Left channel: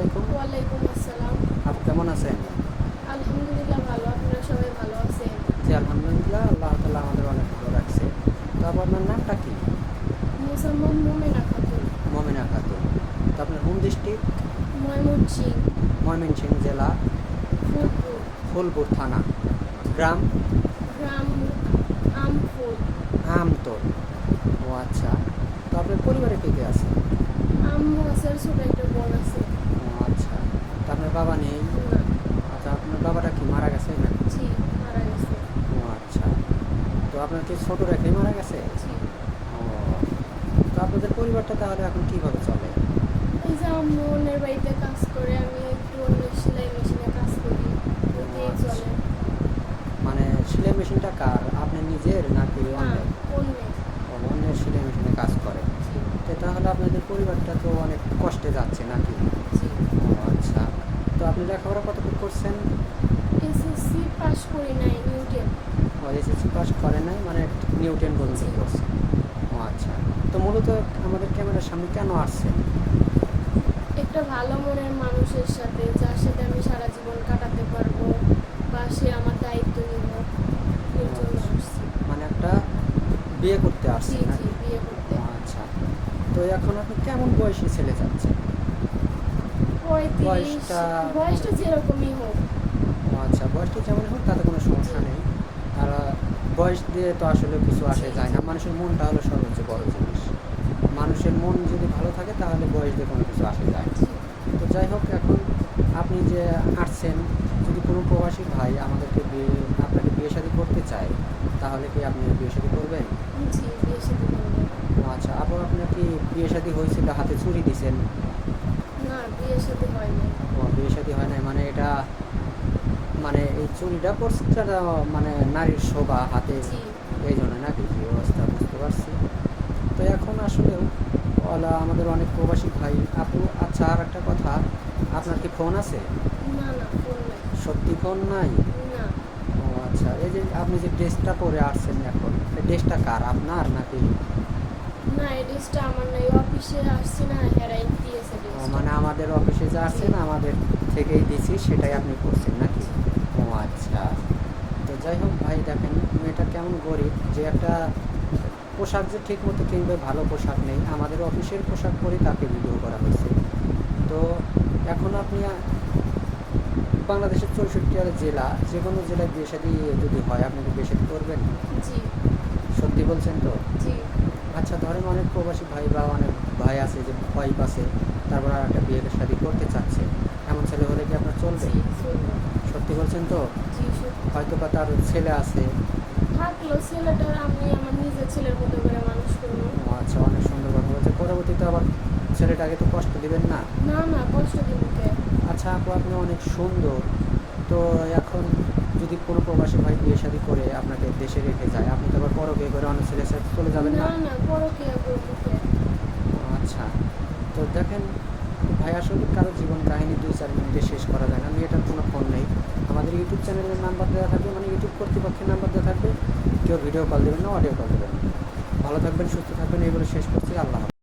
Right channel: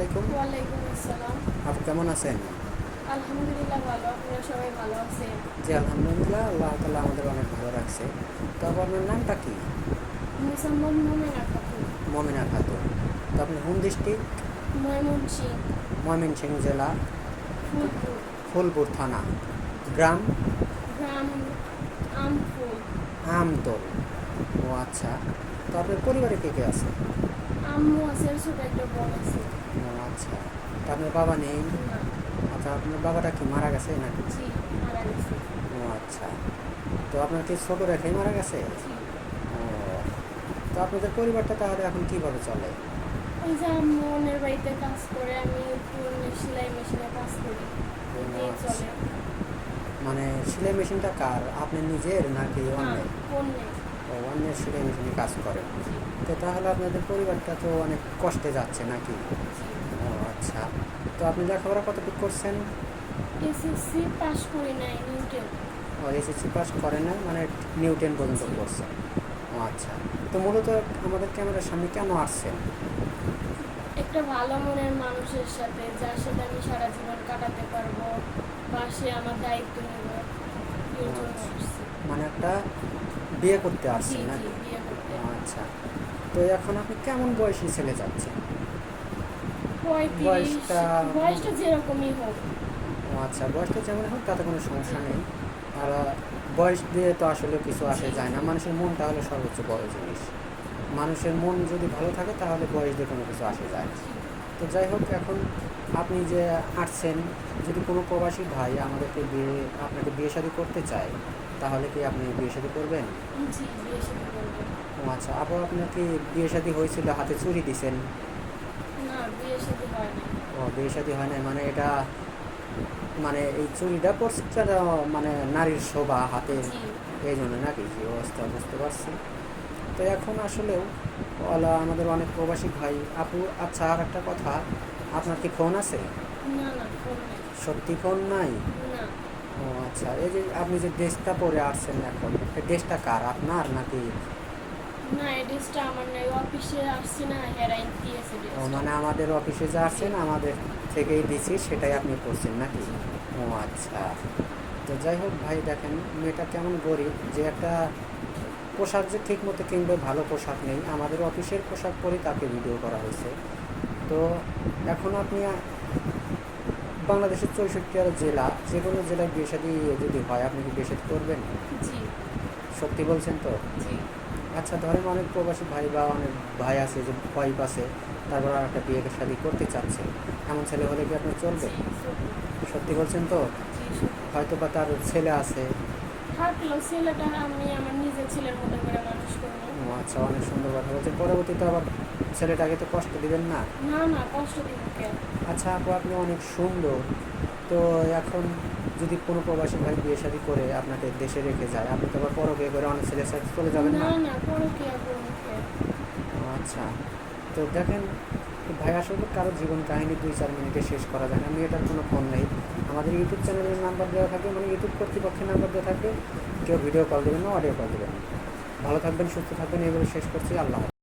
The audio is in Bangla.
আলাইকুম। ওয়ালাইকুম আসসালাম। আপু কেমন আছেন? আলহামদুলিল্লাহ ভালো, আপনারা সবাই ভালো আছেন? জি আলহামদুলিল্লাহ, আল্লাহ তাআলা আমাদের অনেক ভালো রাখছে। তো আপু আপনার নামটা কি? মুসাম্মদ মুমিনা খাতুন। মমিনা খাতুন। তো আপনার হোম ডিস্ট্রিক্ট? ময়মনসিংহ। ময়মনসিংহ জেলা, ফুলপুর। ফুলপুর থানা, গ্রাম গ্রাম আমফুল। আমতল। ও আচ্ছা। তো আপনার পরিবারে কে কে আছে? আম্মু আছে আর ছোট একটা বোন আছে। ও আচ্ছা। তো আপনার বাবা নেই? না। আচ্ছা, আপনার বাবাটা কি মারা গেছে নাকি? জি, মারা গেছে। ও আচ্ছা। তো আপনার কি ছোটো রেখেই মারা গেছে? জি। ও। তো আপনাদের পরিবারটা তাহলে এখন কিভাবে চলে? ওই যে আম্মু অন্যের বাড়িতে কাজ করে, আমি একটু অন্যের সেলাই মেশিনে কাজ করি, ও ওইটাই আচ্ছা। চলে। মানে সেলাই মেশিনটা কার, আপনার নিজের নাকি না, অন্যের? অন্যের। ও, অন্যের সেলাই মেশিনে কাজ করে। জি। তো তাহলে আপনাদের পরিবারটা তো অনেক কষ্টে যাচ্ছে নাকি? জি। ও আচ্ছা। তো আপনি লেখাপড়া কতটুকু করছেন? এসএসসি পাস করি নাই, নিউটেন। ও, এসএসসি পাস করেন নাই, মানে নিউটেন পর্যন্ত জি। পড়ছেন। ও আচ্ছা। তো মূলত আমাদের ক্যামেরার সামনে কেন আসছেন? একটা ভালো মনের মানুষের সাথে, যার সাথে আমি সারা জীবন কাটাতে পারবো বা সে আমার দায়িত্ব নেব, ও এর জন্য আচ্ছা। আসছি। মানে একটা বিয়ে করতে জি আসছেন জি, নাকি? বিয়ে করতে। ও আচ্ছা। তো এখন আপনি কেমন বয়সী ছেলে চাচ্ছেন? 35। বয়সটা? বয়সটা যেরকমই হোক। ও আচ্ছা, বয়সটা যেমন হোক তাতে কোনো সমস্যা জি নেই। আর বয়স দিয়ে তো আসলে কিছু আসে জি যায় না, জি মানুষের মনটা হলো সর্বোচ্চ বড় জিনিস। মানুষের মন যদি ভালো থাকে তাহলে বয়স দিয়ে কোনো কিছু আসে যায় না। জি তো যাই হোক, এখন আপনি যে আসছেন, যদি কোনো প্রবাসী ভাই আমাদেরকে আপনাকে বিয়ে শাদী করতে চায়, তাহলে কি আপনি বিয়ে শাদী করবেন? জি, বিয়ে শাদী করবো। ও আচ্ছা। আপু আপনার কি বিয়ে শাদী হয়েছিল, হাতে চুরি দিছেন? না, বিয়ে শাদী হয় নাই। ও, বিয়ে শাদী হয় নাই, মানে এটা, মানে এই চুরিটা পড়ছে মানে নারীর শোভা হাতের, জি। এই জন্য নাকি? জি, অবস্থা বুঝতে পারছি। তো এখন আসলেও আমাদের অনেক প্রবাসী ভাই আপু। আচ্ছা, আর একটা কথা, আপনার কি ফোন আছে? না না, ফোন নাই। সত্যি ফোন নাই? না ও আচ্ছা। এই যে আপনি যে ড্রেসটা পরে আসছেন এখন, এই ড্রেসটা কার, আপনার নাকি? না, এই ড্রেসটা আমার নাই, অফিসে আসছি না, হেরাই দিয়েছে ও, ড্রেসটা। মানে আমাদের অফিসে যা জি আছেন আমাদের থেকেই দিছি, সেটাই আপনি পরছেন নাকি? জি ও আচ্ছা। তো যাই হোক ভাই, দেখেন মেয়েটা কেমন গরিব, যে একটা পোশাক যে ঠিক মতো কিনবে, ভালো পোশাক নেই, আমাদের অফিসের পোশাক পরে তাকে ভিডিও করা হয়েছে। তো এখন আপনি বাংলাদেশের 64টা জেলা, যে কোনো জেলায় বিয়ে শাদী যদি হয়, আপনি কি বিয়ে শাদী করবেন? জি সত্যি বলছেন তো? জি। আচ্ছা, ধরেন অনেক প্রবাসী ভাই বা অনেক ভাই আছে যে ওয়াইফ আছে, তারপর আর একটা বিয়ে শাদী করতে চাচ্ছে, এমন ছেলে হলে কি আপনার চলবে? জি, চলবে। সত্যি বলছেন তো? জি, সত্যি। হয়তো বা তার ছেলে আছে। থাকলো ছেলেটা, আমি আমার নিজের ছেলের মতো করে মানুষ করবো। ও আচ্ছা, অনেক সুন্দর কথা বলছে। পরবর্তীতে আবার ছেলেটাকে তো কষ্ট দিবেন না। না না, কষ্ট দিব কে? আচ্ছা আপু, আপনি অনেক সুন্দর। তো এখন যদি কোনো প্রবাসী ভাই বিয়ে শাদী করে আপনাকে দেশে রেখে যায়, আপনি তো আবার বিয়ে করে অনেক ছেলের সাথে চলে যাবেন না না? না, পরকিয়া করবো কে? ও আচ্ছা। তো দেখেন ভাই, আসলে কারো জীবন কাহিনী 2-4 মিনিটে শেষ করা যায় না। মেয়েটার কোনো ফোন নেই, আমাদের ইউটিউব চ্যানেলের নাম্বার দেওয়া থাকবে, মানে ইউটিউব কর্তৃপক্ষের নাম্বার দেওয়া থাকবে। কেউ ভিডিও কল দেবেন না, অডিও কল দেবেন। ভালো থাকবেন, সুস্থ থাকবেন, এই বলে শেষ করছি। আল্লাহ হাফেজ।